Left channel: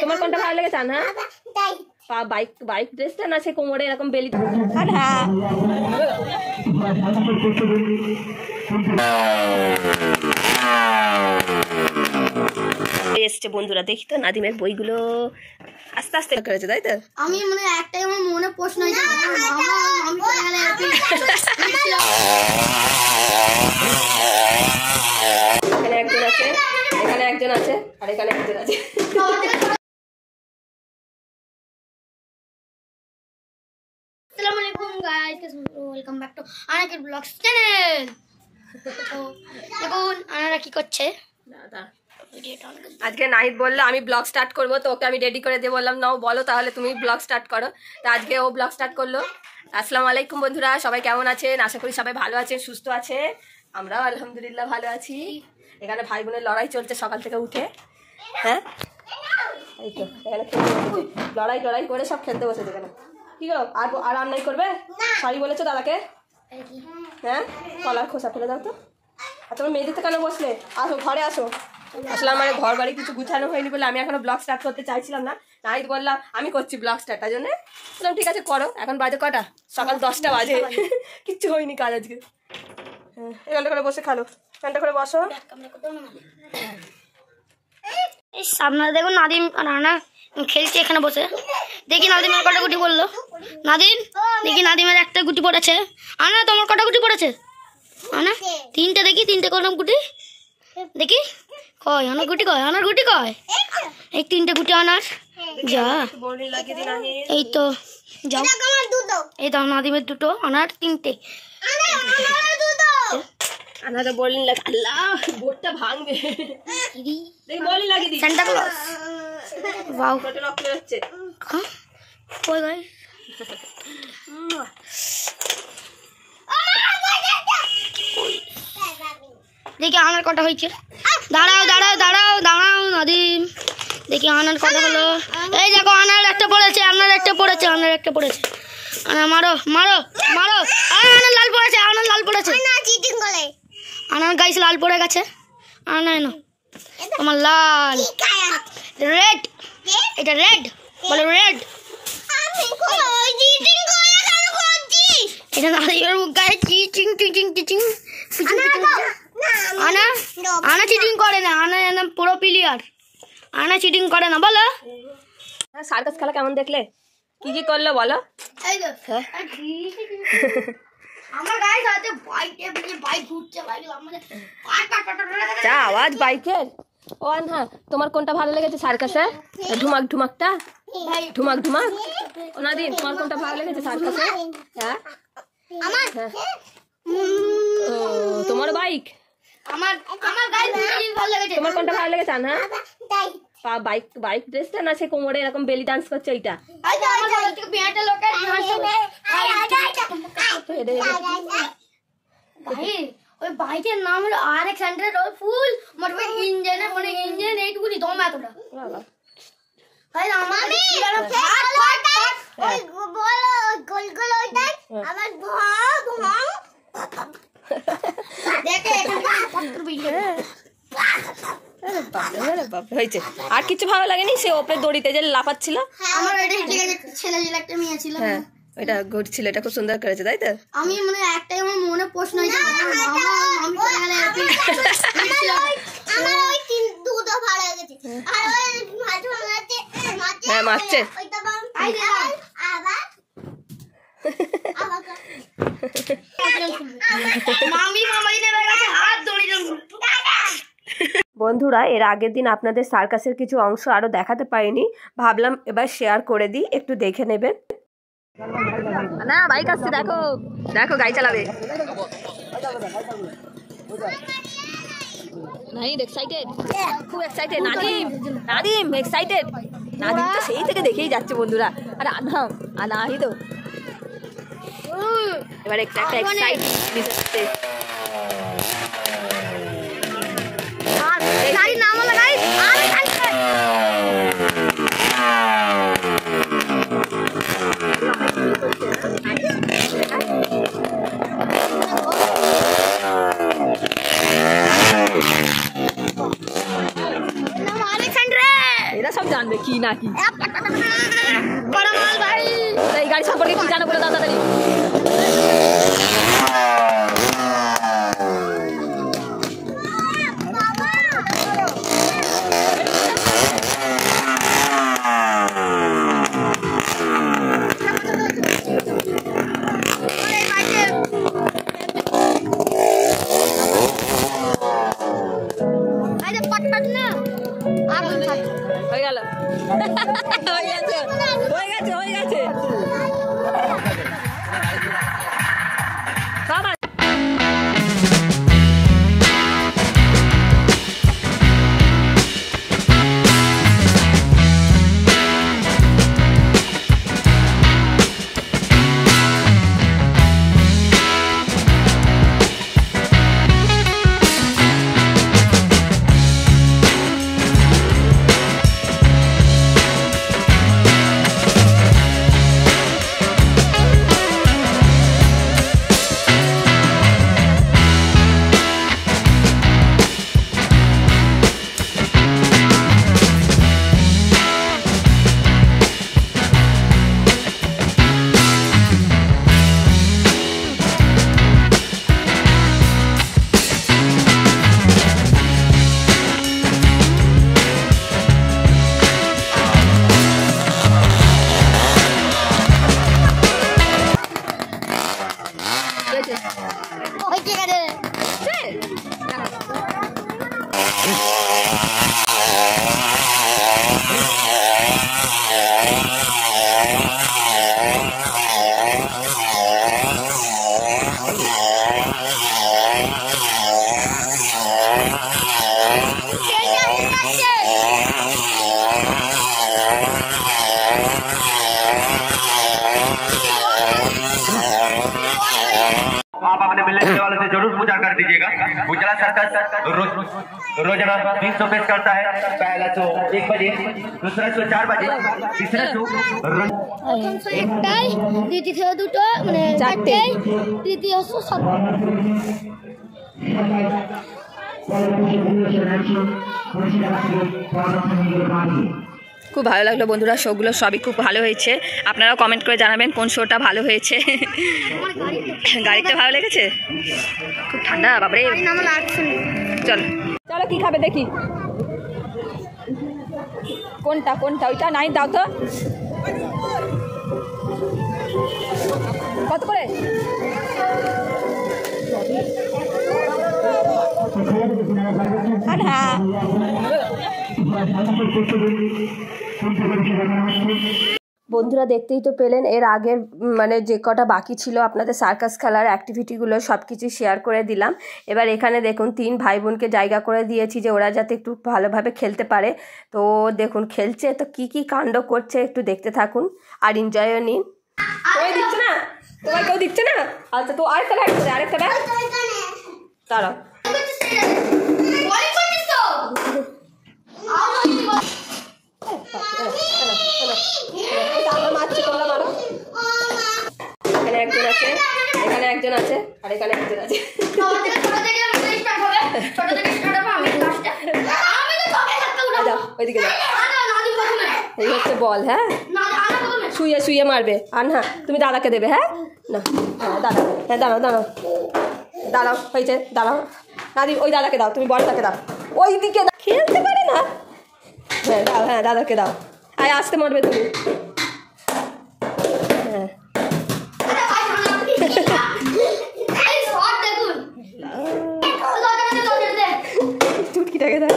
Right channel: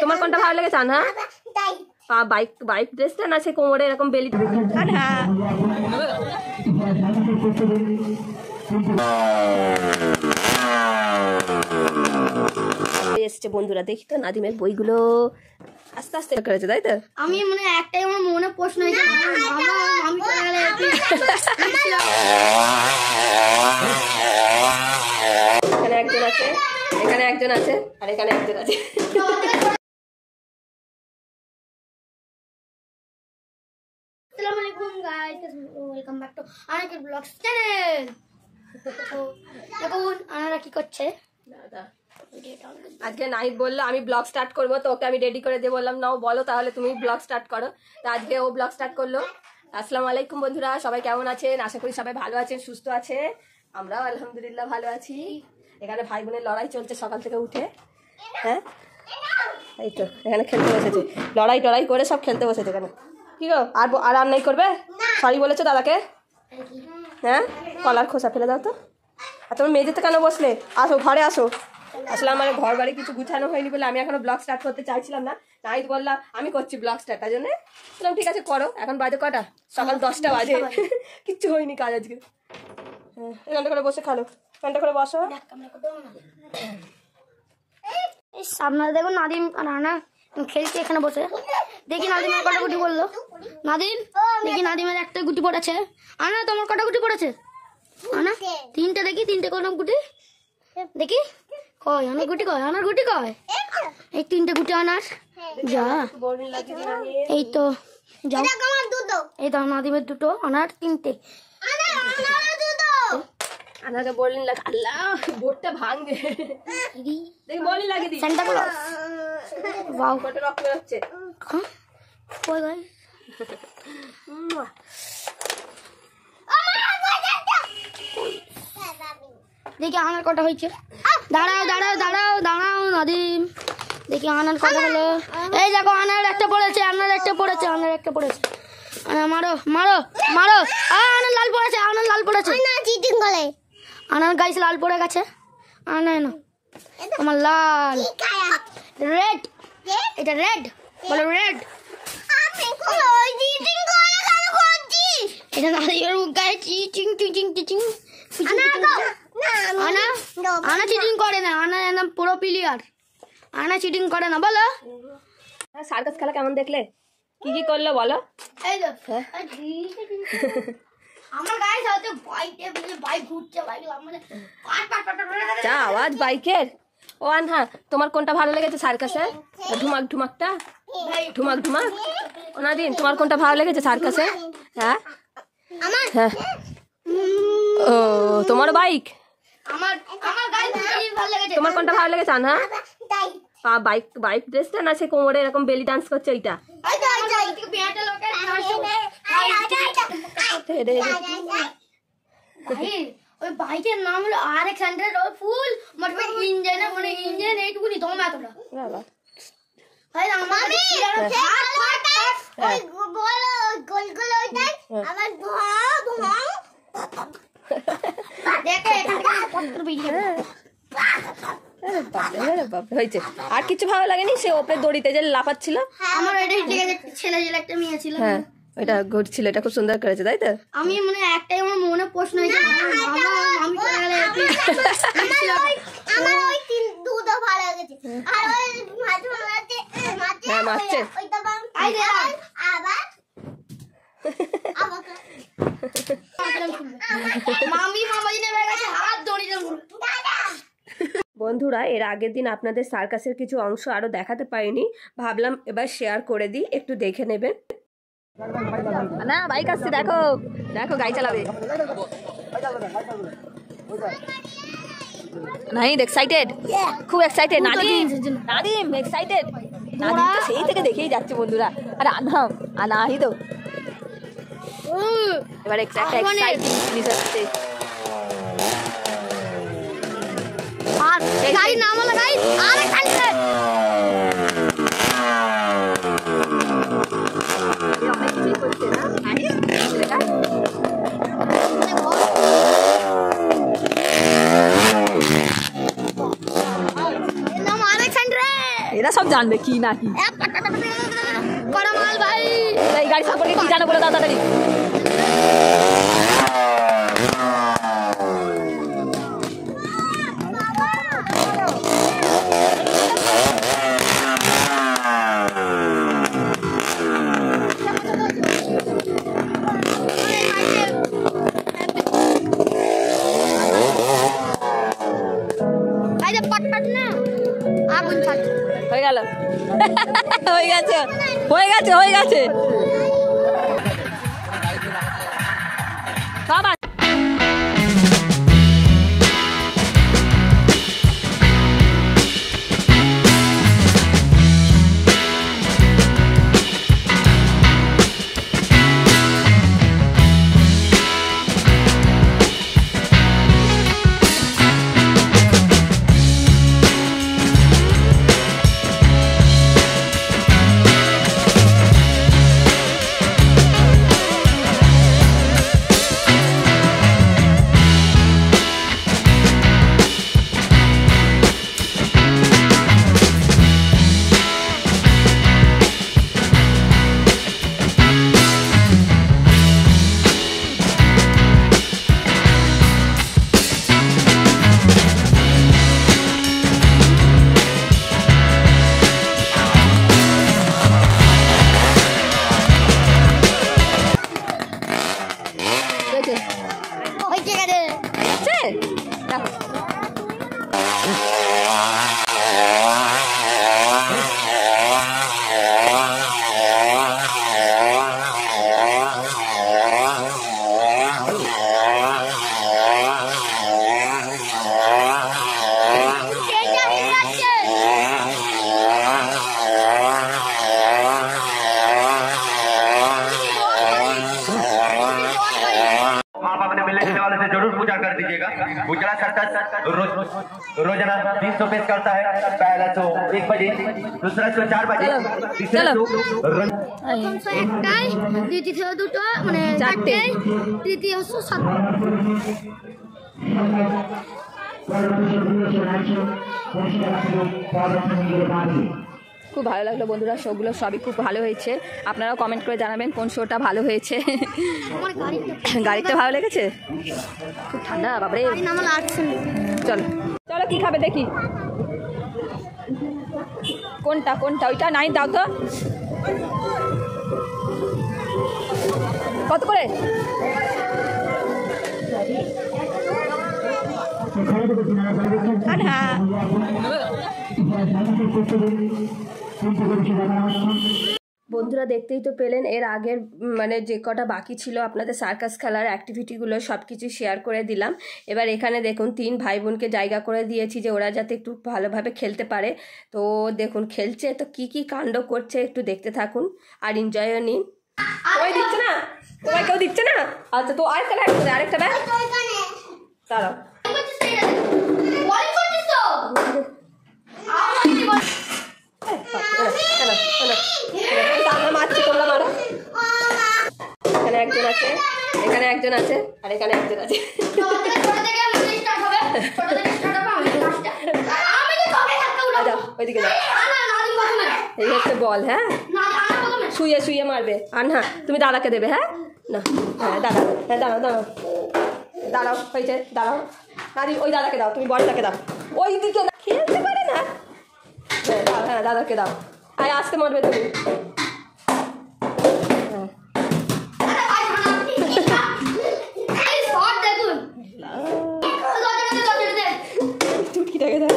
তোমার কোনটা ভালো লেগেছে আনহা? বাইক বাইক ড্রেসটা না সে কোমরে এরকম বেলি আনহা এসছে বন্ধুরা। দেখি তো নাদিমের বইগুলো আস্তে আস্তে করেছে, তাই তো? আমি মানে একটাই আমার মনে প্রশ্ন হয়েছে, এখানে একজন আছে, এখানে একজন আছে, আর এখানে একজন আছে। আসসালামু আলাইকুম গাইস, ওয়েলকাম ব্যাক টু আনাকের ব্লগস চ্যানেল। তো দেখুন আনারা কি করছে। আজকে নাহিদ বললো আমি ব্লগ স্টার্ট করবো, তো ওকে আমি রেডি করে দিয়ে বললাম নাও বলো তাহলে তুমি ব্লগ স্টার্ট করো। তো আজকে ও ব্লগ স্টার্ট করলো। আসসালামু আলাইকুম বন্ধুরা, সবাই কেমন আছেন? আশা করি সবাই ভালো আছেন, সুস্থ আছে। আমরাও আলহামদুলিল্লাহ ভালো আছি। এখানে ভাই বোনের লড়াই চলছে সকাল থেকে উঠে। হ্যাঁ এই তো এখানে খেলতে বসেছে, লড়াই টড়াই করে সব খেলতে বসেছে। এখানে কি গো আর নাই করবে? সরি বলেছো দাদাকে? হ্যাঁ কলার খোসা ফেলে দাও তো। আর তোমার মেঝেতে কেন বসলে? আসো ঘরে আসো। আসলে আমার ঘর বাড়ি কিছু গুছানো হয়নি বলে আমি এখনো ব্লগ স্টার্ট করতে চাইছিলাম না। নাহিদ বললাম আমি করছি ব্লগ স্টার্ট, তার জন্য বললাম ঠিক আছে করো। এখন বাজে কটা? সকাল 10টা বাজে, কিচ্ছু হয়নি কাজ আজকে। হ্যাঁ এখানটা করে বসে খালো, এখানটা করে বসো। আপনারা দেখুন নাদিম রানা খেলছে এখানে বসে। দেখি নাদিমের কটা গুটি পড়লো। নাদিম দেখি নাদিমের একটা গুটি পড়েছে। আনা তোমার কটা গুটি পড়েছে? আনা তিনটে, দেখি তিনটে করলাম গুটি। দেখি কয় আনার গুটি, কয় আনার গুটি, কয় এই তিনটে গুটি আনার। যা এই তো যাও, এই তো নাদিমের দুটো, আনার তিনটে। আনা তো বললেন লাগে আল্লাহ বোর্ডটা ভাঙবে। দেখি বলি লাগিয়ে দিই সান্টা ক্লজ। ওয়াও কত রক্ত হচ্ছে। কই ভাই দেখি আনার কটা হয়েছে। দাঁড়াও দাঁড়াও দাঁড়াও দাঁড়াও নাদিম, দেখি আনার কটা হলো। এই দেখো আনার একটা পড়েছে, আনার একটা পড়েছে, আনার একটা পড়েছে। আনা মারো মারো মারো। আনার লাল পড়েছে, আনার লাল পড়েছে। আনার গাইস লাল পড়ে গেছে। আনা না তোমার লাল, রেড, এটা রেড, বলো রেড। এটা নাদিমের মুখ গায়ে চিচিং চিচিং চিচিং। আনা আনা চিটিং করে না, আনা একদম পুরো প্লেয়ার, আনা চিটিং করে না। বলো সার্কাস খেলা কেমন দেখলে? কি কি করলো বলো? আমার গায়ে সাথে বাইক ঘুরছে, বাইক মানে যা আওয়াজ বাইকের। ও আনহা তোমার কোনটা ভালো লেগেছে সার্কাসে? ঢুমাক ঢুমাকটা, ঢুমাক ঢুমাক। ও নাদিম তোমার কোনটা ভালো লেগেছে সার্কাসে? হ্যাঁ আমার হ্যাঁ ও তোমার বাইক। আমার গায়ে ভালো লেগেছে। তোমার কোনটা ভালো লেগেছে আনহা? বাইক বাইক ড্রেসটা না সে কোমরে এরকম বেলি ডান্স করছে ওইটা? ওই বাইকের নাম হলো RX100, ফুল মানে ইঞ্জিন, মানে ইঞ্জিন এইটুকুনি দম এতটা। ভাই আমার ওই গোল গোল ওইটা আমার দেখে হয়েছে। আর কিছু ভালো লাগেনি? সে ওপরে দড়িতে যে লাফাচ্ছিল, আমার ছেলে একটা মেয়ে ছিল, হ্যাঁ এটা ঘুরছিল, এটা খুব সুন্দর করেছে, তাই তো? আমি মানে একটাই আমার মনে প্রশ্ন হয়েছে, হ্যাঁ মারছে। বন্ধুরা এর আগের দিন আপনাদের সার্কাসের কিছু অংশ আরো দেখাতে পারিনি, ভাবলাম এবার শেয়ার করে দিই, একটু দেখে নেবেন। না বাইক আসছে, দেখো দেখো গাড়ি চালাবে। নাহিদ এক্সাইটেড, খুব এক্সাইটেড। নাদিম এক্সাইটেড, নাদিম তো সেই থেকে দেখেই যাচ্ছে বন্ধুরা। আর নাহিদ এবার একটা এক্সাইটিং জিনিস হচ্ছে। দেখলে সব জানবে কি না কি। ভাই এই গাড়ি সম্পর্কে কি জানো বলে দাও তাড়াতাড়ি। হয়ে গেল হয়ে গেছে হয়ে গেছে হয়ে গেছে সব वाले से जरूर पूजा कर दीजिएगा। उजला सर्कस रोजाना 3 शो पेश करता है। पहला शो 1 बजे, दूसरा शो 4 बजे, तीसरा शो একটাই, দ্বিতীয় দুটো মানে চারটে, তৃতীয় শো খুব ভালো লাগলো বন্ধুরা, শোগুলো সবই খুব ভালো হয়েছে। আপনারাও কমেন্ট করে জানাবেন কোন শোটা ভালো হয়েছে। গাড়িতে ভালো লেগেছে? খুব ঠান্ডা বাবারে। চলো চলো কি খাবে দেখি, কোনটা কোনটা ওইটা নাই দাও তো। কত করে? হ্যাঁ বন্ধুরা দেখতেই তো পেলেন, এর আগের মানে যে কটা বাকি ছিল আপনাদের সার্কাস খেলার অ্যাক্টিভিটিগুলো সব কিছু শেয়ার করে দিলাম। এবার এখানে দেখুন 3 ভাই বোনকে জায়গা করে দিয়েছি যে ওরা যাতে একটু ভালোভাবে খেলতে পারে। তো দেখুন খেলছে, তো কি কি কাণ্ড করছে একটু দেখতে থাকুন আর এনজয়ও নিন। ওই দিচ্ছে না তোমায়, কেউ দিচ্ছে না? আচ্ছা তো আরেকটা ব্যাগ আছে, আরেকটা ব্যাগ দাঁড়াও। এখানে একজন আছে, এখানে একজন আছে, আর এখানে একজন আছে। ওইদিকে যাও, এই হচ্ছে বল। হ্যাঁ শুয়ে শুয়ে মারবে। আর না তুমি দাদাকে দেবে। হ্যাঁ না হ্যাঁ দাদা, হ্যাঁ দাঁড়াও দাঁড়াও দাঁড়াও, হয়েছে দাঁড়াও। নাদি ওই দাদাকে দাও, তুমি বলটাকে দাও। ওই দিকে খেলতে পারে না। হ্যাঁ দাও, হ্যাঁ দাদাকে দাও। আয় আসতে মারবে তুমি। হ্যাঁ চুটকিটাকে দাও।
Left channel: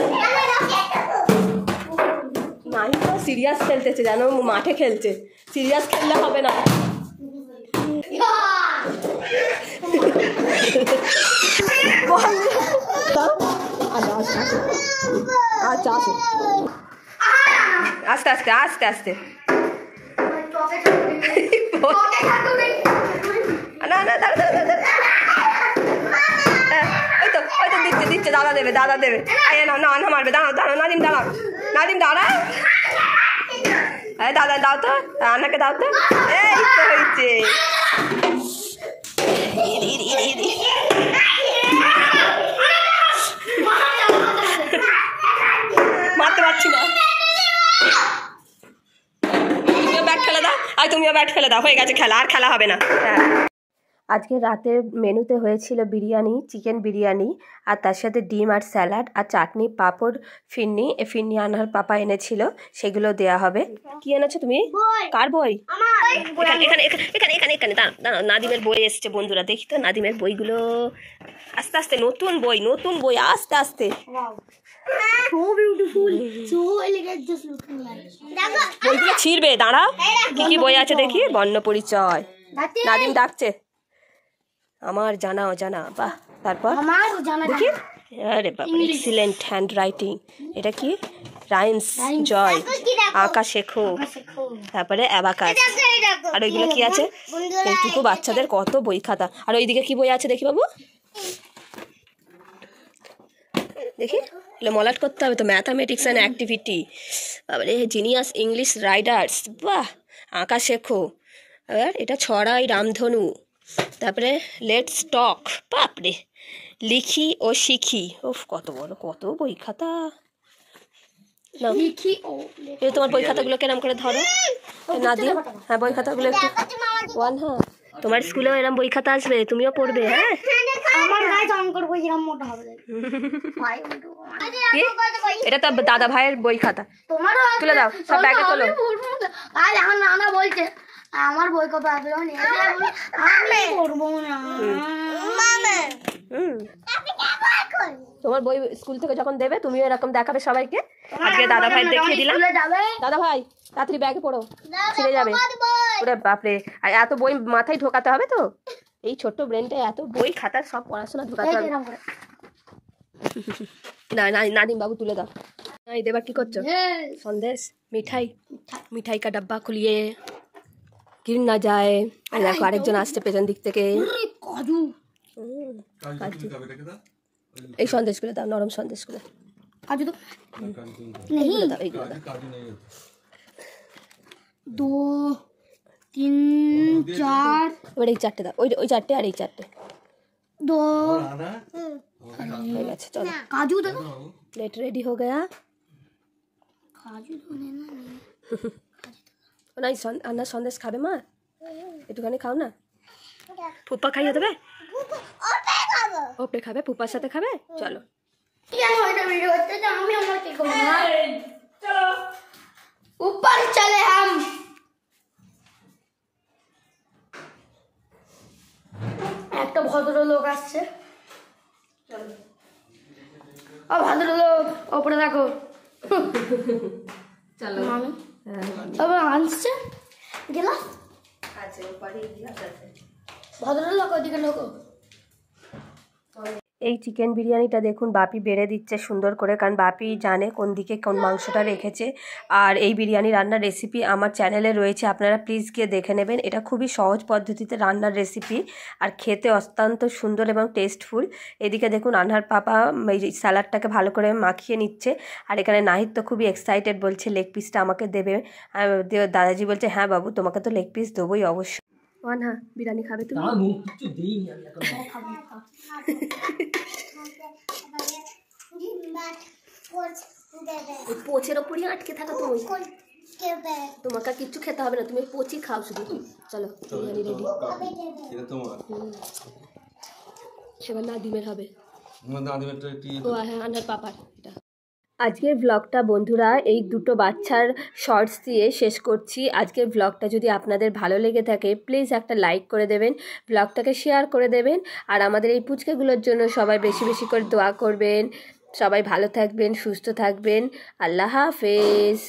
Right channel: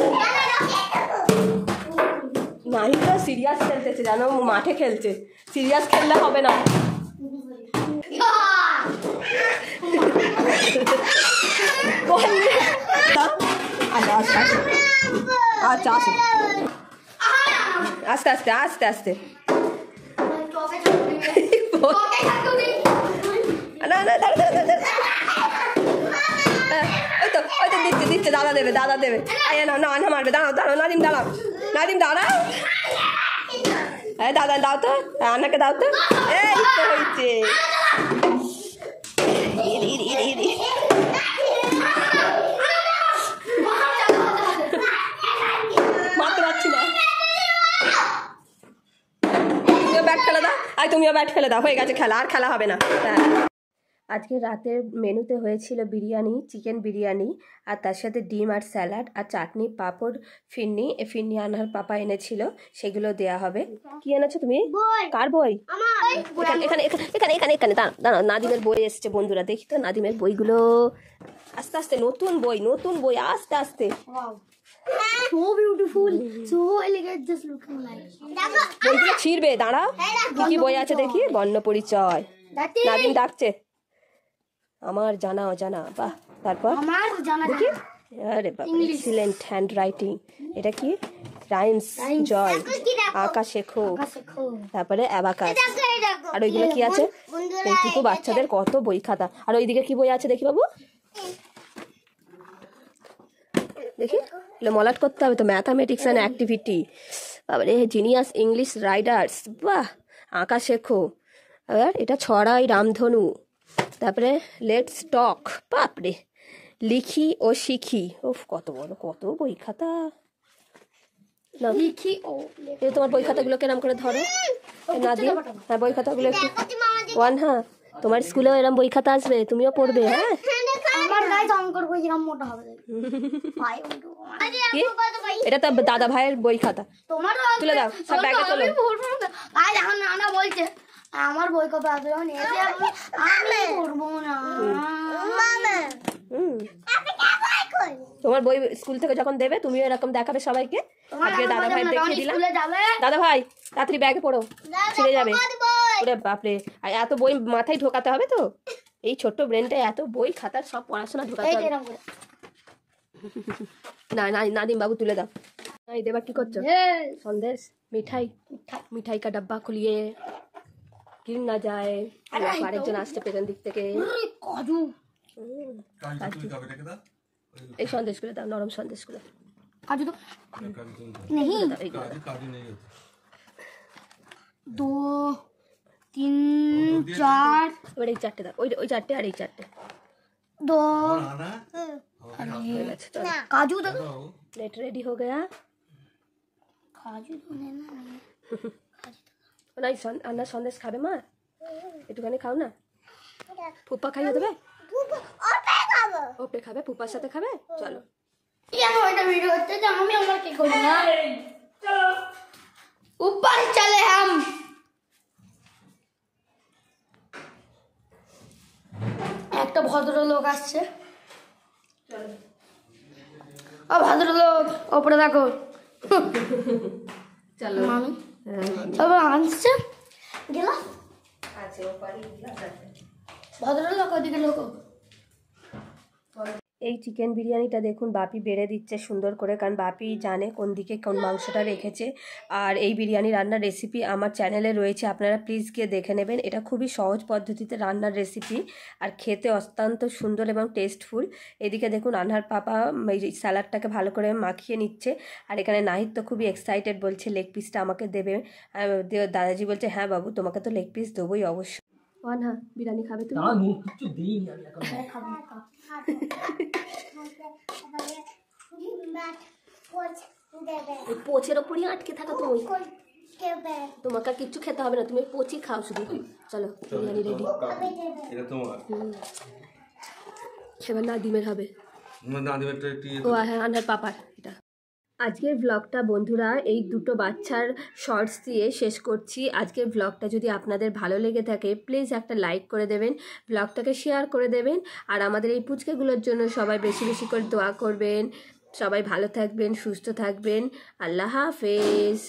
মাহিটা সিরিয়াস খেলতেছে জানো, মাঠে খেলছে। সিরিয়াস খেললে হবে না। আচ্ছা আস্তে আস্তে আস্তে আস্তে। না না দাঁড়া দাঁড়া, ওই তো ওই তো দিচ্ছে দিচ্ছে, দাদা দেবে দাদা দেবে। আয় না না না মারবে, দাঁড়াও দাঁড়াও নাদিম দাঁড়াও, নাদিম দাঁড়া। দাদা দাও তো, আনাকে দাও তো। এই তো হয়েছে। মারতে পারছি না। আর তুমিও ব্যাট ফেলে দাও, হয়ে গেছে খেলা, আর খেলা হবে না। আজকে রাতের মেনুতে হয়েছিল বিরিয়ানি, চিকেন বিরিয়ানি, আর তার সাথে ডিম আর স্যালাড আর চাটনি, পাঁপড়, ফিরনি। ফিরনি আনার পাপা এনেছিল, সেগুলো দেয়া হবে। কি এনেছো তুমি? কার বই? এখানে এখানে এখানে এখানে এখানে দাঁড়াও, নাদিমের বই এসছে বন্ধুরা, দেখি তো নাদিমের বইগুলো। আস্তে আস্তে, নতুন বই আস্তে আস্তে। So beautiful, so elegant, just looking like. বইগুলো ছিঁড়বে, দাঁড়াও। কি বই আছে দেখি? বর্ণ পরিচয়। নাদিম ডাকছে, আমার জানা অজানা। বাহ, তারপর আমার জানা দেখি। আরে বাবা, এক্সিলেন্ট হ্যান্ড রাইটিং। এটা কি? রাইমস, জয়, আঁকা শেখো, তারপরে অ্যাবাকাস। আর ওইগুলো কি আছে? এইটুকু বাচ্চাদের কত বই খাতা। আর ওইদিকে কি বই আছে দেখি বাবু, দেখি। মলাট করতে হবে তো, ম্যাথামেটিক্স অ্যান্ড অ্যাক্টিভিটি। তারপরে জিনিয়াস ইংলিশ রাইডার্স, বাহ, আঁকা শেখো। আর এটা ছড়াই রামধনু। তারপরে লেটস টক, বাপরে, লিখি ও শিখি। ওফ, কত বড়, কত বই খাতা। লিখি ও এই তোমার বই খাতাগুলো কেরম করে ধরো নাদিম। হ্যাঁ, বই খাতাগুলো একটু ওয়ান। হ্যাঁ, তোমার স্কুলেও এরম বই খাতা আসবে, তুমিও পড়বে। হ্যাঁ, আমার গায়ে অঙ্কর বই এরকম মোটা হবে। ভাই কি? এটা তো দাদা ভাইয়ের বই খাতা। তোমারও তুলে দাও, সব ব্যাগে তোলো। আর এখন নানা বলছে আমার বই কবে আসবে, আমি পড়বো না। তোমার বই স্কুল থেকে যখন দেবে তুমিও এরকম দেখাবে সবাইকে। আজকে দাদা ভাই দেখিয়ে দিলাম। দাদা ভাই, তাড়াতাড়ি ব্যাগে পড়ো, ছিঁড়ে যাবে। ওরে বাপরে, আর এত বই মাথায় ঢোকাতে হবে তো? এই ছোট্ট ব্রেনটা এত বই খাতার সব পড়াশোনা ঢোকাতে হবে। না না, নাদিম বাবু তুলে দাও। এই দেবার কি করছো? সন্দেশ, মিঠাই কা ডাব্বা খুলিয়ে গির না যায়। আরেকজন আসছে পেছন দিক থেকে। কাজু এই সন্দেশগুলো দাও, নরম সন্দেশগুলো। কাজু তো নেই। দাও এইগুলো দাও। 2 3 4 এবার এই চারটে দাও, ওই চারটে আর এই চারটে। 2 হয়ে গেছে, চলো। काजू दो। प्लेट रेडी हो गया। काजू तो लेना नहीं। না, আন্না সন্দেশ খাবে মা? একটুখানি খাও না। ফুপ্পা খাইয়ে দেবে? ওপে খাবে, ফুপ্পার সাথে খাবে। চলো। কেন এটা ভিডিও করতে যে আমি আমার কি করব না? ऊपर चले हम। একটা ভদ্রলোক আসছে। ও ভদ্রলোক, ওপরে দেখো। চলো মামি তবে আনছে গেলাম। ভদ্রলোক ওদিকে ঢোকো। এই চিকেন বিরিয়ানিটা দেখুন বাপি বেড়ে দিচ্ছে সুন্দর করে, কারণ বাপি জানে কোন দিকে কোন মাংসটা রেখেছে। আর এই বিরিয়ানি রান্নার রেসিপি আমার চ্যানেলে রয়েছে, আপনারা প্লিজ গিয়ে দেখে নেবেন। এটা খুবই সহজ পদ্ধতিতে রান্নার রেসিপি, আর খেতে অত্যন্ত সুন্দর এবং টেস্টফুল। এদিকে দেখুন আনহার পাপা এই স্যালাডটাকে ভালো করে মাখিয়ে নিচ্ছে। আর এখানে নাহিদ তো খুবই এক্সাইটেড, বলছে লেগ পিসটা আমাকে দেবে। দাদাজি বলছে হ্যাঁ বাবু, তোমাকে তো লেগ পিস দেবোই অবশ্যই। ওয়ানহা, বিরিয়ানি খাবে তুমি? পোচের ওপরই আটকে থাকা তুমি, তোমাকে কিচ্ছু খেতে হবে না, তুমি পোচি খাও শুধু। চলো, বিরিয়ানি রেডি। সেবার নাদিমের হবে। ও হ্যাঁ, আনার পাপার। এটা আজকের ব্লগটা বন্ধুরা এই দুটো বাচ্চার শর্টস দিয়ে শেষ করছি। আজকের ব্লগটা যদি আপনাদের ভালো লেগে থাকে প্লিজ একটা লাইক করে দেবেন, ব্লগটাকে শেয়ার করে দেবেন। আর আমাদের এই পুচকেগুলোর জন্য সবাই বেশি বেশি করে দোয়া করবেন। সবাই ভালো থাকবেন, সুস্থ থাকবেন। আল্লাহ হাফেজ।